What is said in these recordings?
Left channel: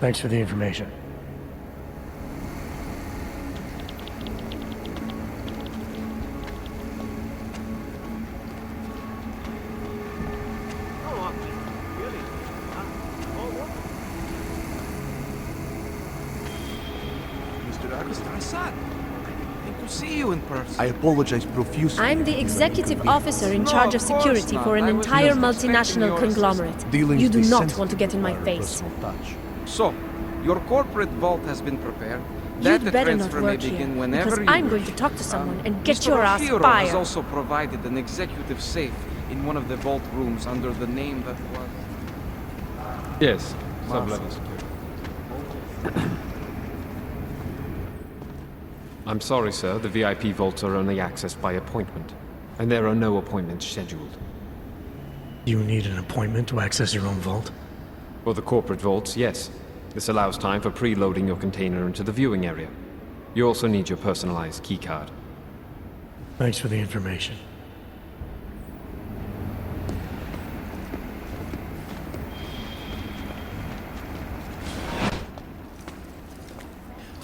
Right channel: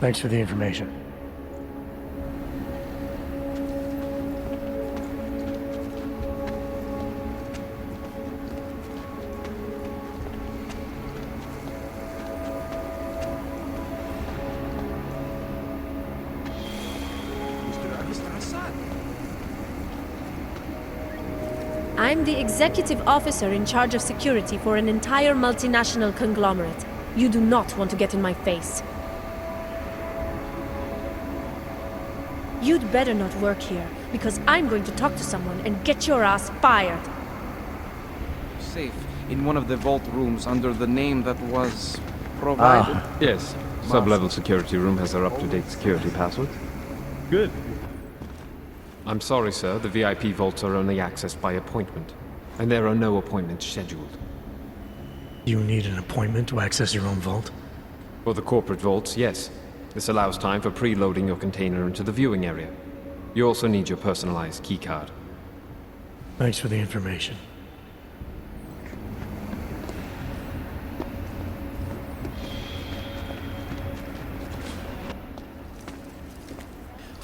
Thanks for the information. Mr. Assad, good to see you in person. I apologize profusely. I'm the executive officer in charge of security for an entire multinational conglomerate. You do not want to get in my face. So, your corporate vault has been prepared. You'd better not work here, because I'm going to talk to someone and get your ass fired. Has also provided an executive safe in one of the vault rooms under the name that was provided. Yes, sub-level security room has their up-to-date security password. Good. I'm sorry, sir. The VIP vaults are only accessed by appointment, and there are no appointments scheduled. You need an appointment to access your own vault? For the corporate vaults, yes. This allows time for preloading your container into the viewing area. You also need your personalized keycard. Thanks for the information.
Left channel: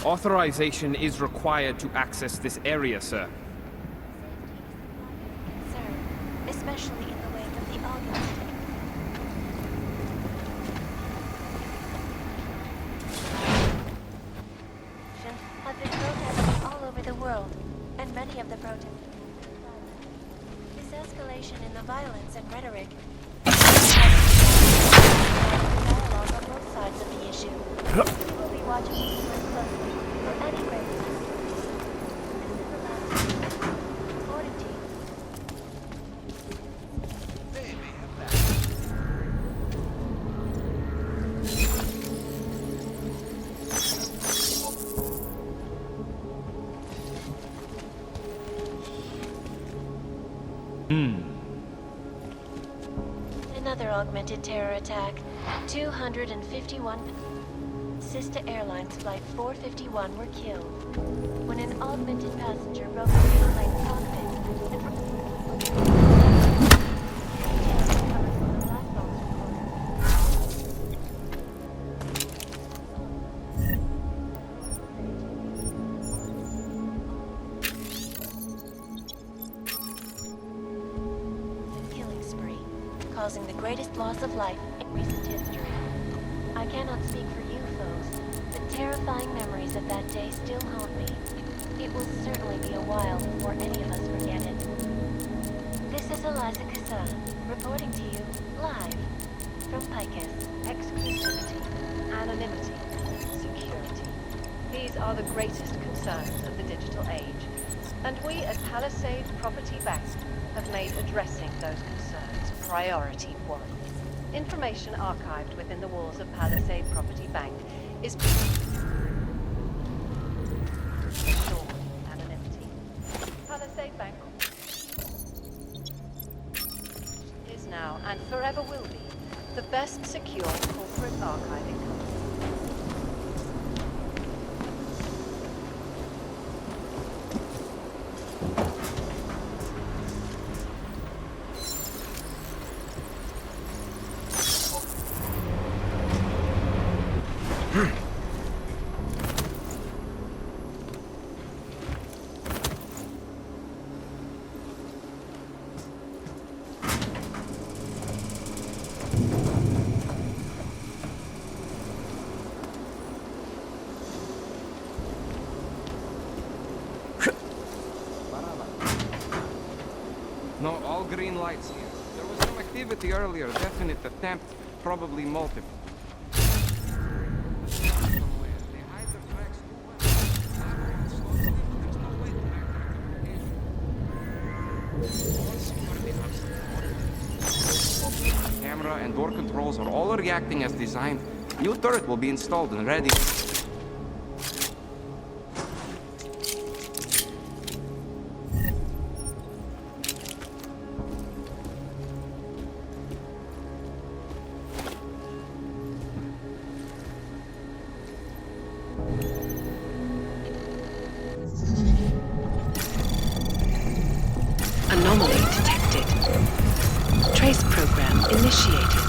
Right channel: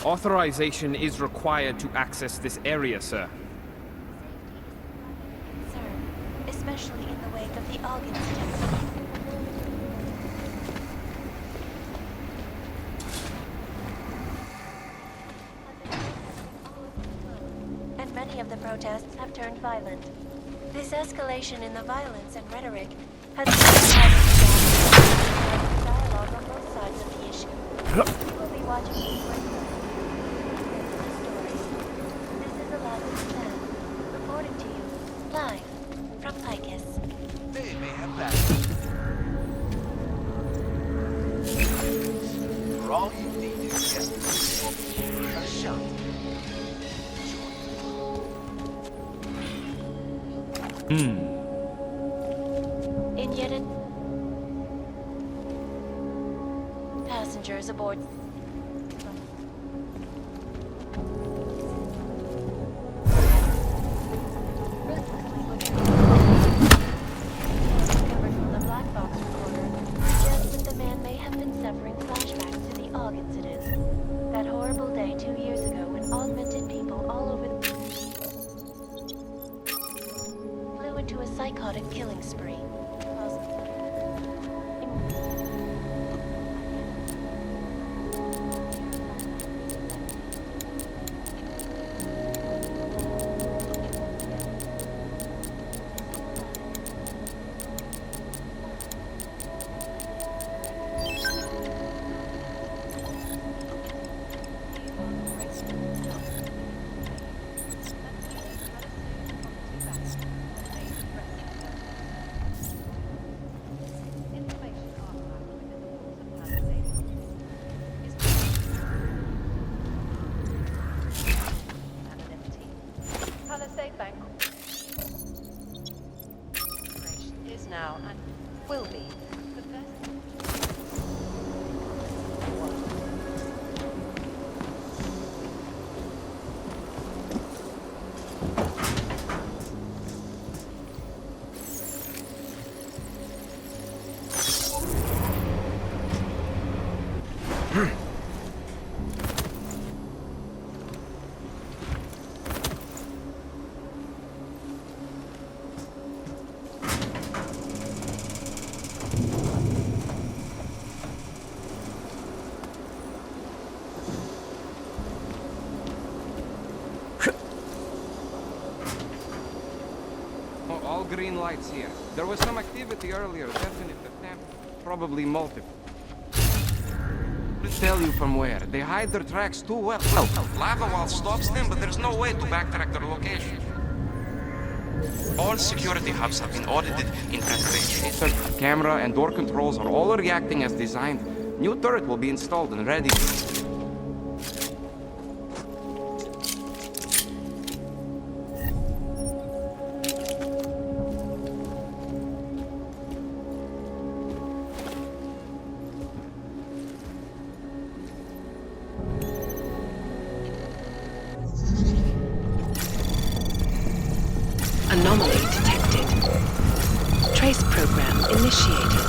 Authorization is required to access this area, sir. Safety is the primary concern, especially in the wake of the Aug Incident. Have been protesting all over the world, and many of the protests have turned violent. This escalation in the violence and rhetoric has been dialogue on both sides of the issue. We will be watching these very closely. Any breaks in the story. This is the last attempt. Reporting to you, live, from Picus. They may have that. Wrong indeed. Shut. In yet another augmented terror attack, 251 passengers aboard sister airlines flight 451 were killed. When an augmented passenger broke the airline's cockpit, the ruthlessly butchered details recovered from the black box recorder suggest that the man may have been suffering flashbacks to the Aug Incident. That horrible day 2 years ago when augmented people all over the flew into a psychotic killing spree, causing the greatest loss of life in recent history. I cannot speak for you folks, but terrifying memories of that day still haunt me. It will certainly be a while before any of us forget it. This is Eliza Kassan, reporting to you live from Picus. Exclusivity, anonymity, security. These are the greatest concerns of the digital age. And we at Palisade Property Bank have made addressing those concerns priority one. Information archived within the walls of Palisade Property Bank is anonymity. Palisade Bank is now and forever will be the best secure corporate archiving company. No, all green lights here. There was some activity earlier, definite attempt, probably multiple. To tell you from where. They hide their tracks too well. No, lava wall stops them, but there's no way to backtrack their location. All security hubs have been audited, investigated. Camera and door controls are all reacting as designed. New turret will be installed and ready. Anomaly detected. Trace program initiated.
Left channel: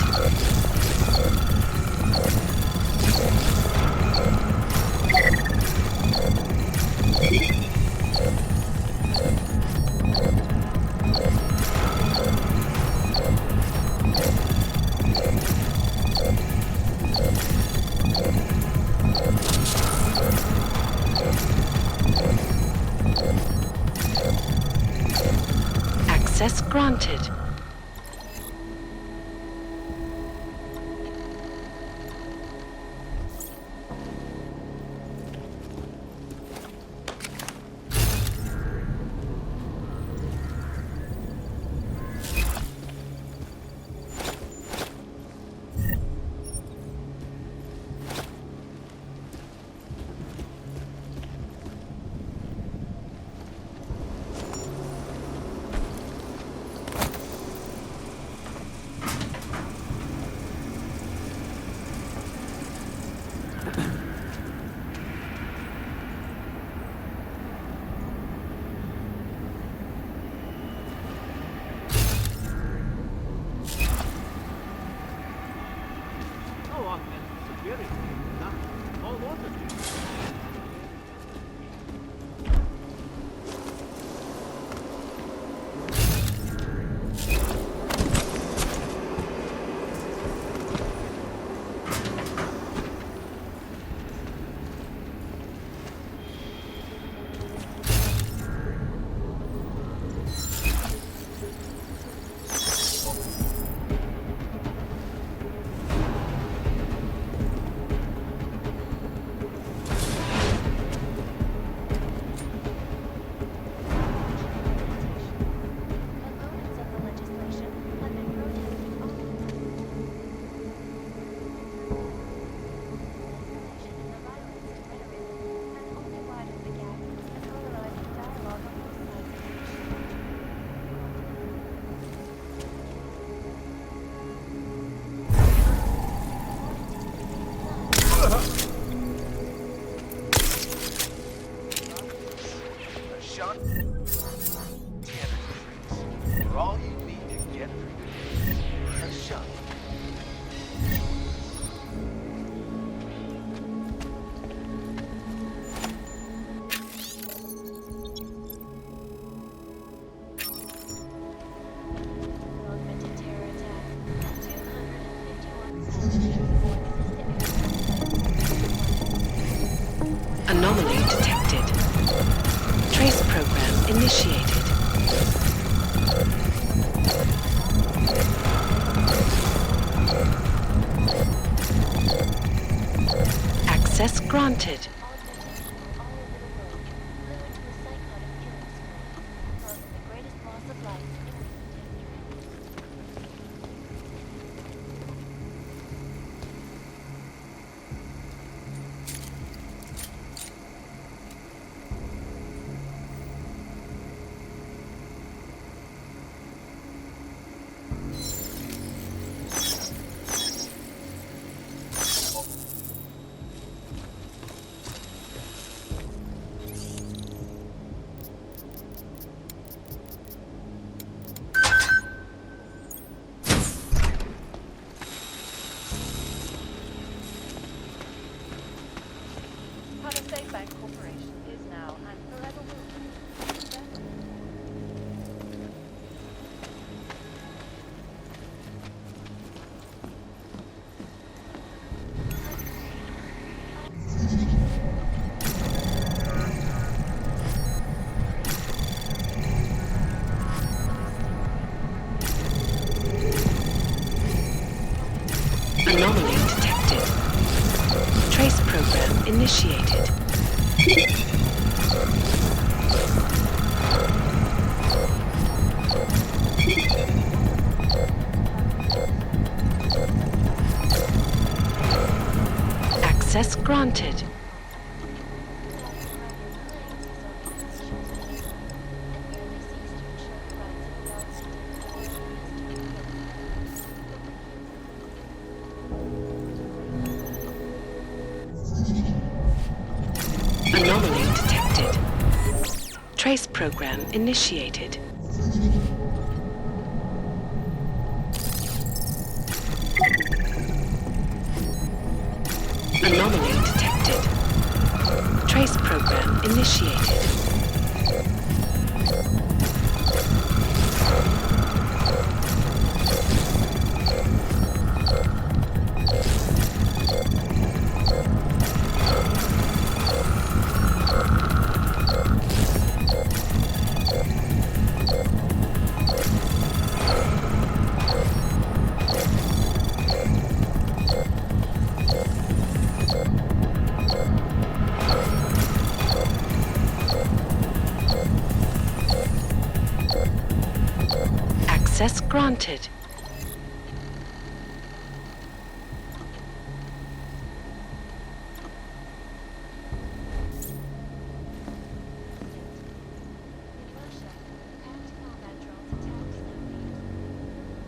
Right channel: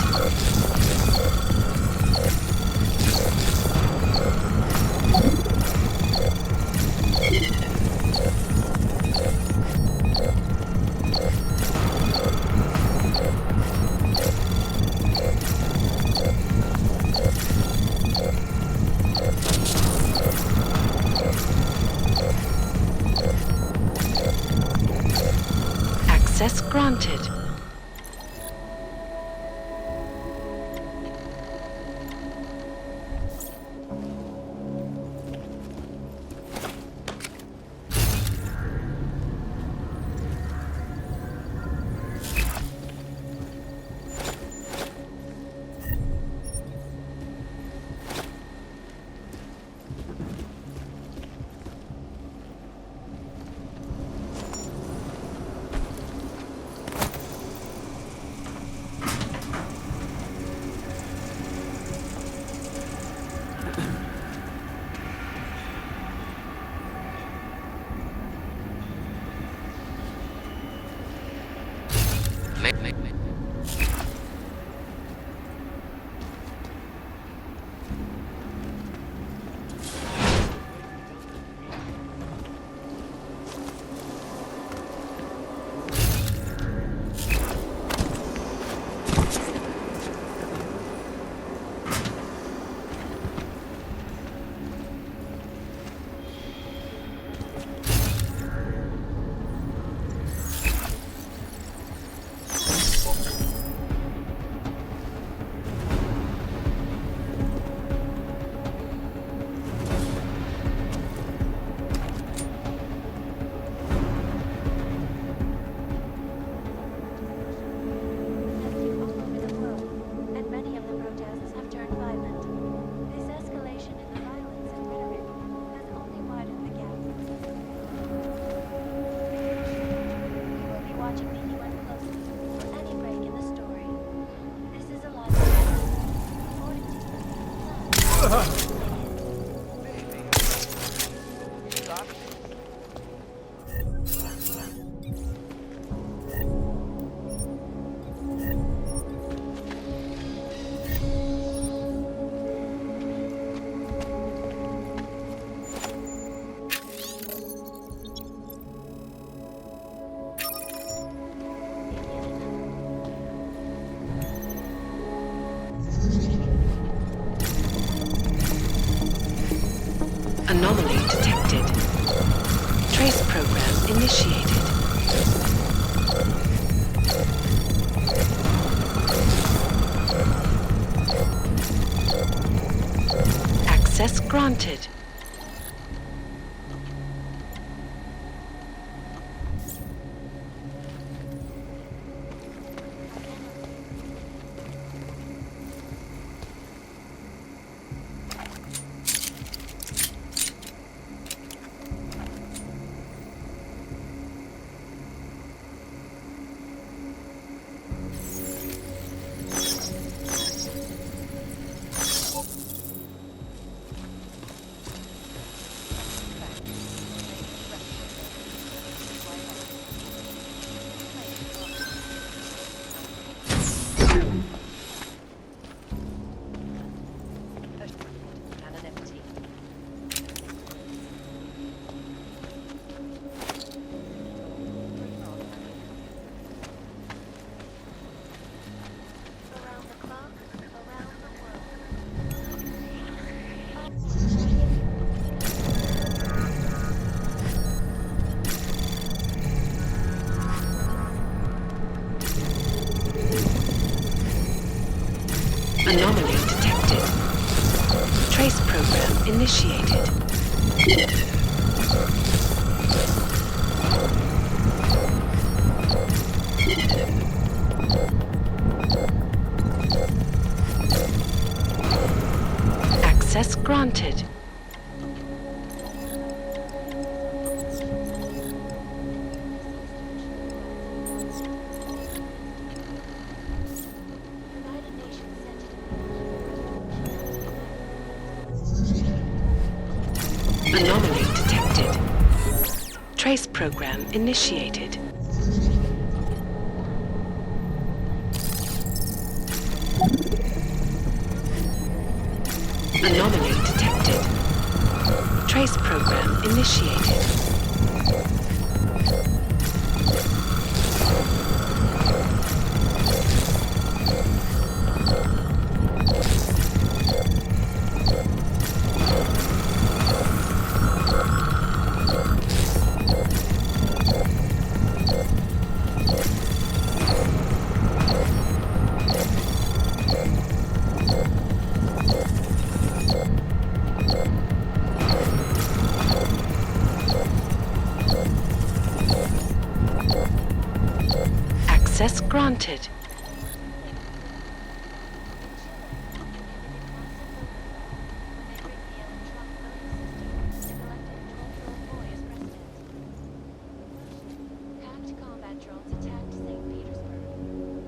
Access granted. Anomaly detected. Trace program initiated. Access granted. Anomaly detected. Trace program initiated. Access granted. Anomaly detected. Trace program initiated. Anomaly detected. Trace program initiated. Access granted. Russia, hacked combat drones attacked St. Petersburg.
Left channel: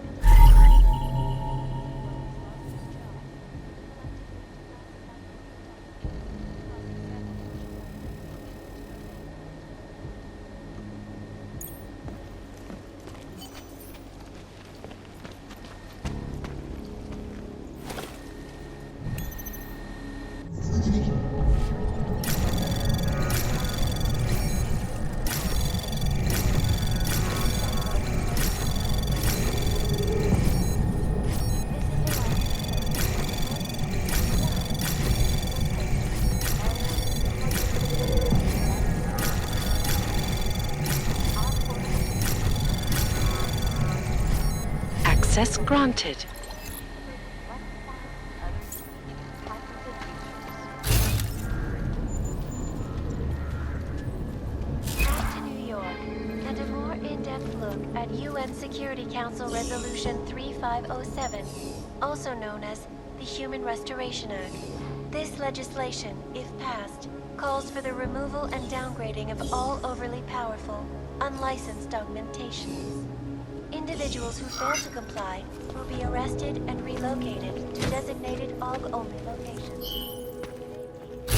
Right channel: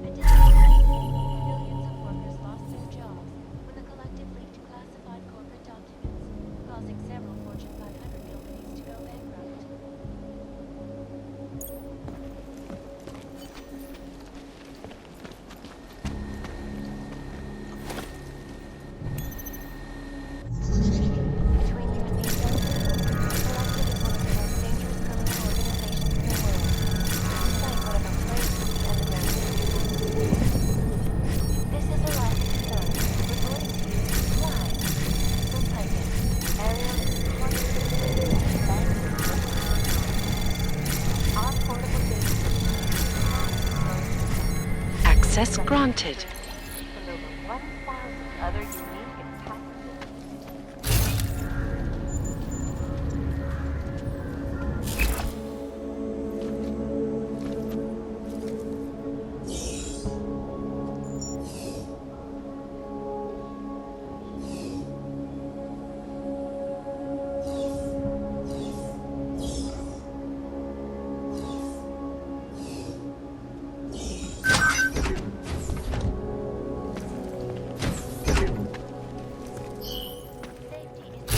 And millions of workers lost their jobs when the collective leaked classified corporate documents, causing several Fortune 500 companies to go bankrupt. Between you and me, Collective is one of the most dangerous criminal organizations in the world. Despite one of the craziest underground. This is the last concern. Reporting to you live from Piper, Area 100. Our portable business. Access granted. With over 1,000 other unique and patented features. Back to New York, and a more in-depth look at UN Security Council Resolution 3507, also known as the Human Restoration Act. This legislation, if passed, calls for the removal and downgrading of all overly powerful, unlicensed augmentations. Individuals who don't comply will be arrested and relocated to designated aug-only locations. Safety is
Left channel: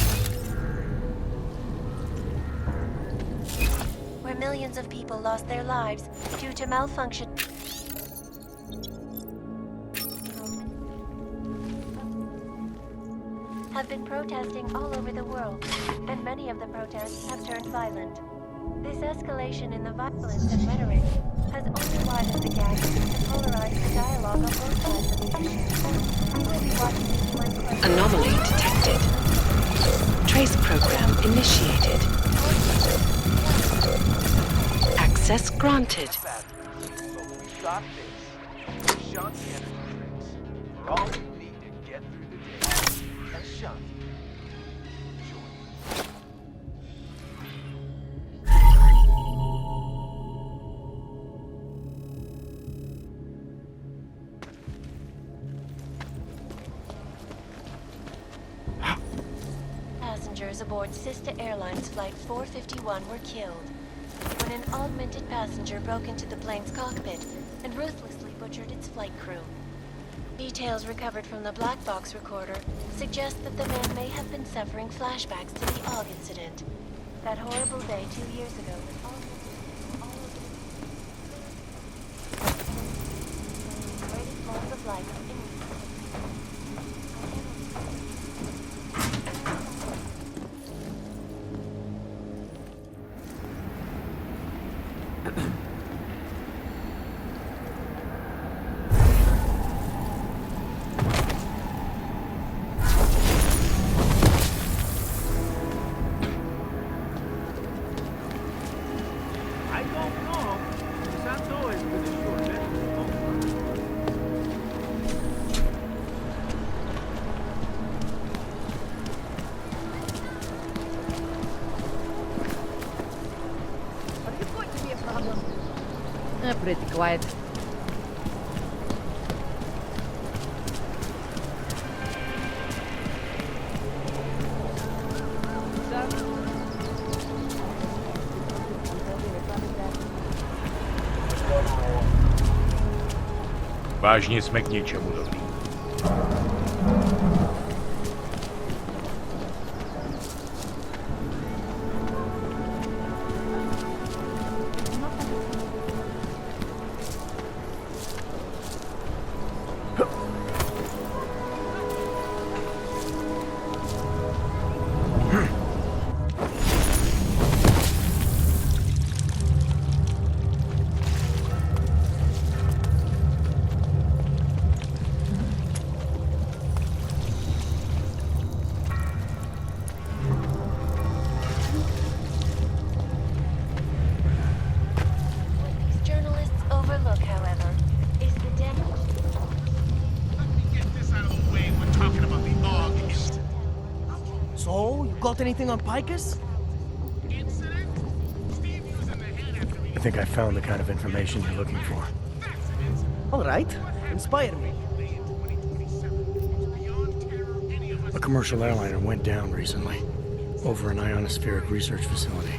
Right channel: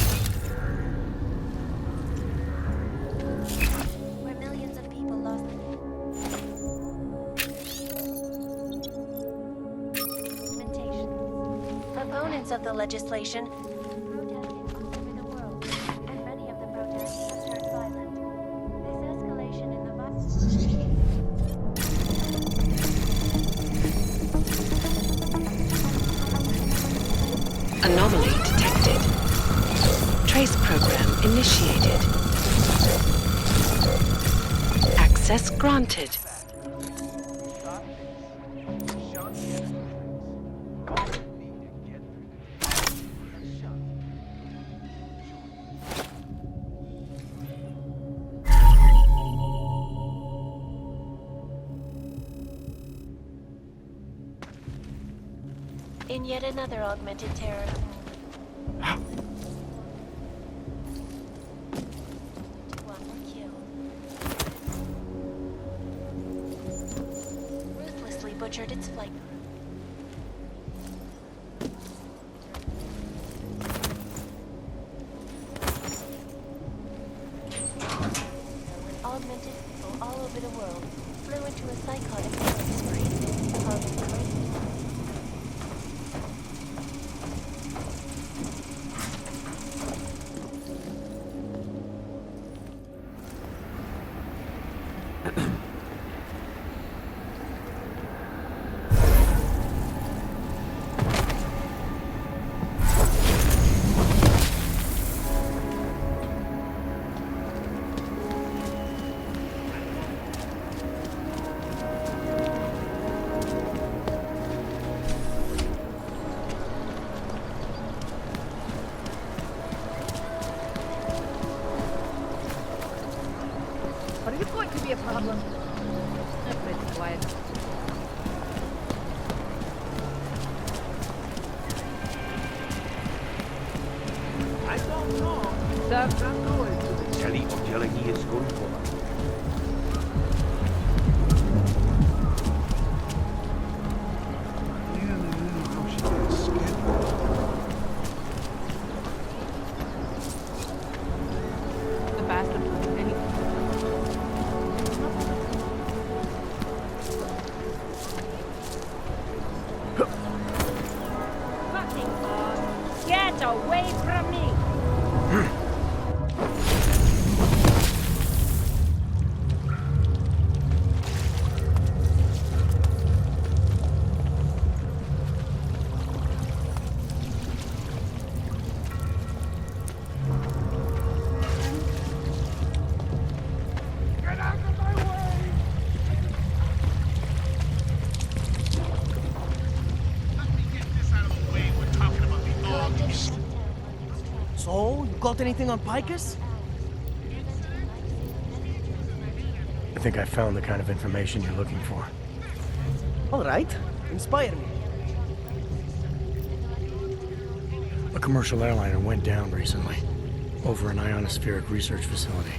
where millions of people lost their lives due to malfunction. Augmentations. Opponents of the legislation have been protesting all over the world, and many of the protests have turned violent. This escalation in the violence and rhetoric has only widened the gap and polarized the dialogue on both sides. Anomaly detected. Trace program initiated. Access granted. In yet another augmented terror. Passengers aboard Sister Airlines Flight 451 were killed when an augmented passenger broke into the plane's cockpit and ruthlessly butchered its flight crew. Details recovered from the black box recorder suggest that the man may have been suffering flashbacks to the Aug Incident. That horrible day 2 years ago when augmented people all over the world flew into a psychotic spree, causing the greatest loss of life. Are you going to be a problem? Pretty quiet. Sir? Vážně jsme k něčemu dobrý. Get away from me! So, you got anything on Picus? I think I found the kind of information you're looking for. All right. Inspire me. A commercial airliner went down recently, over an ionospheric research facility.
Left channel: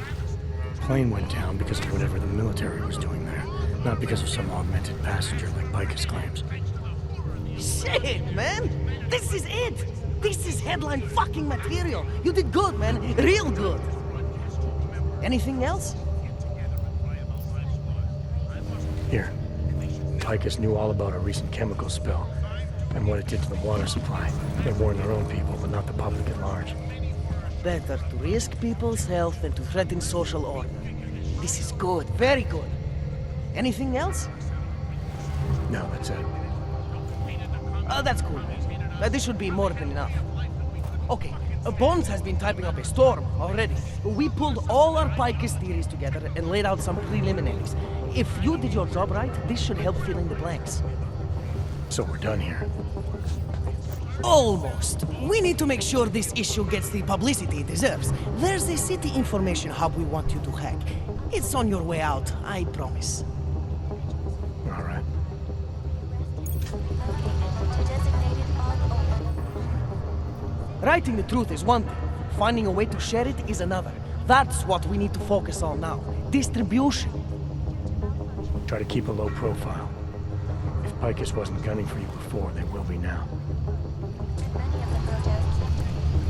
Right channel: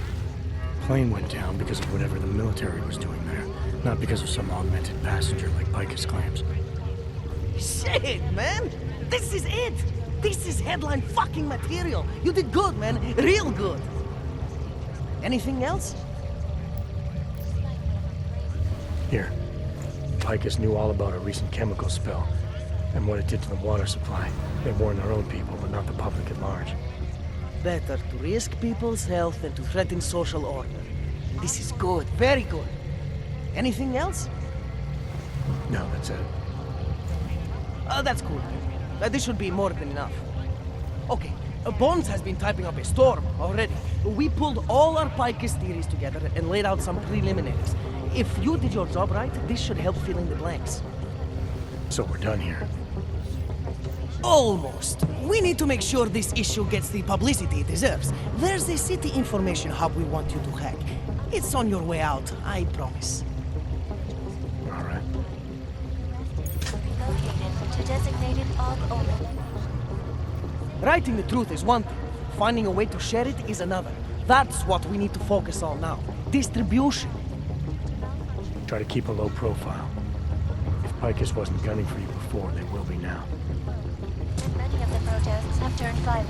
Plane went down because of whatever the military was doing there, not because of some augmented passenger like Picus claims. Shit, man! This is it! This is headline fucking material! You did good, man. Real good. Anything else? Here. Picus knew all about a recent chemical spill and what it did to the water supply. They warned their own people, but not the public at large. Better to risk people's health than to threaten social order. This is good, very good. Anything else? No, that's it. That's cool. This should be more than enough. Okay, Bones has been typing up a storm already. We pulled all our Picus theories together and laid out some preliminaries. If you did your job right, this should help fill in the blanks. So we're done here. Almost. We need to make sure this issue gets the publicity it deserves. There's a city information hub we want you to hack. It's on your way out, I promise. All right. Located to designated augmented. Writing the truth is one thing. Finding a way to share it is another. That's what we need to focus on now. Distribution. Try to keep a low profile. If Picus wasn't gunning for you before, they will be now. And many of the protests have turned violent.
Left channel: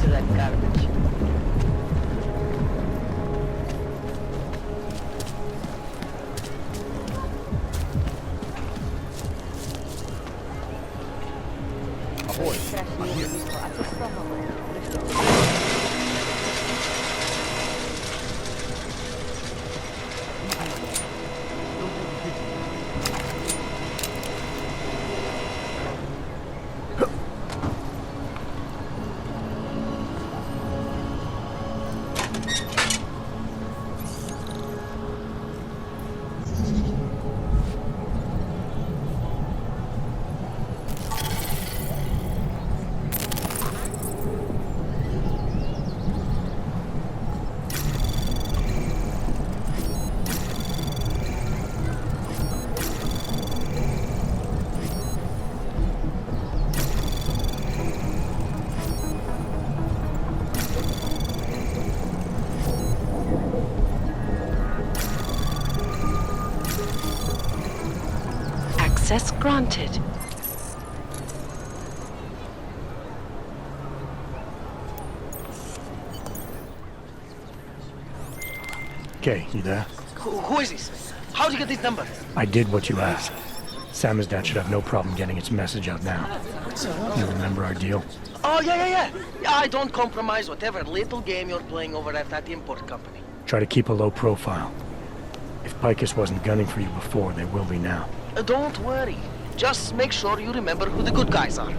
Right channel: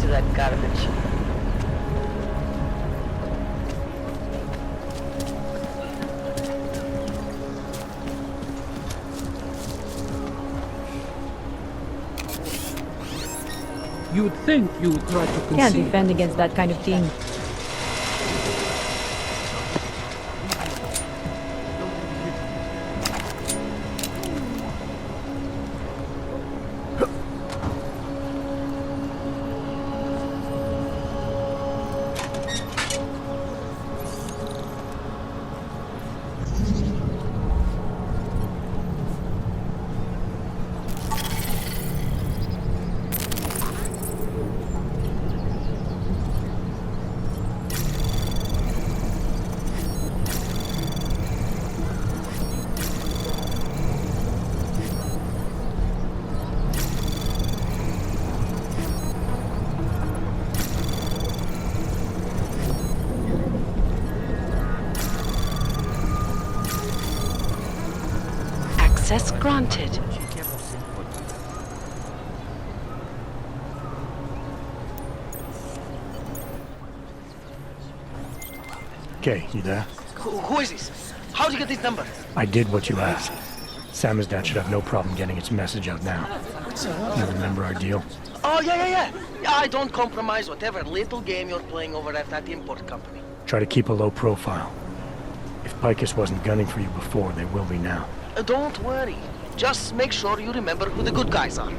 To that garbage. You'd think you would throw... Can't defend against that kind of team. Access granted. Okay, you there? Who is this? How'd you get this number? I did what you asked. Samizdat should have no problem getting its message out now. You remember our deal? Oh, yeah. I don't compromise whatever little game you're playing over at that import company. Try to keep a low profile. If Picus wasn't gunning for you before, they will be now. Don't worry. Just make sure you remember who the good guys are.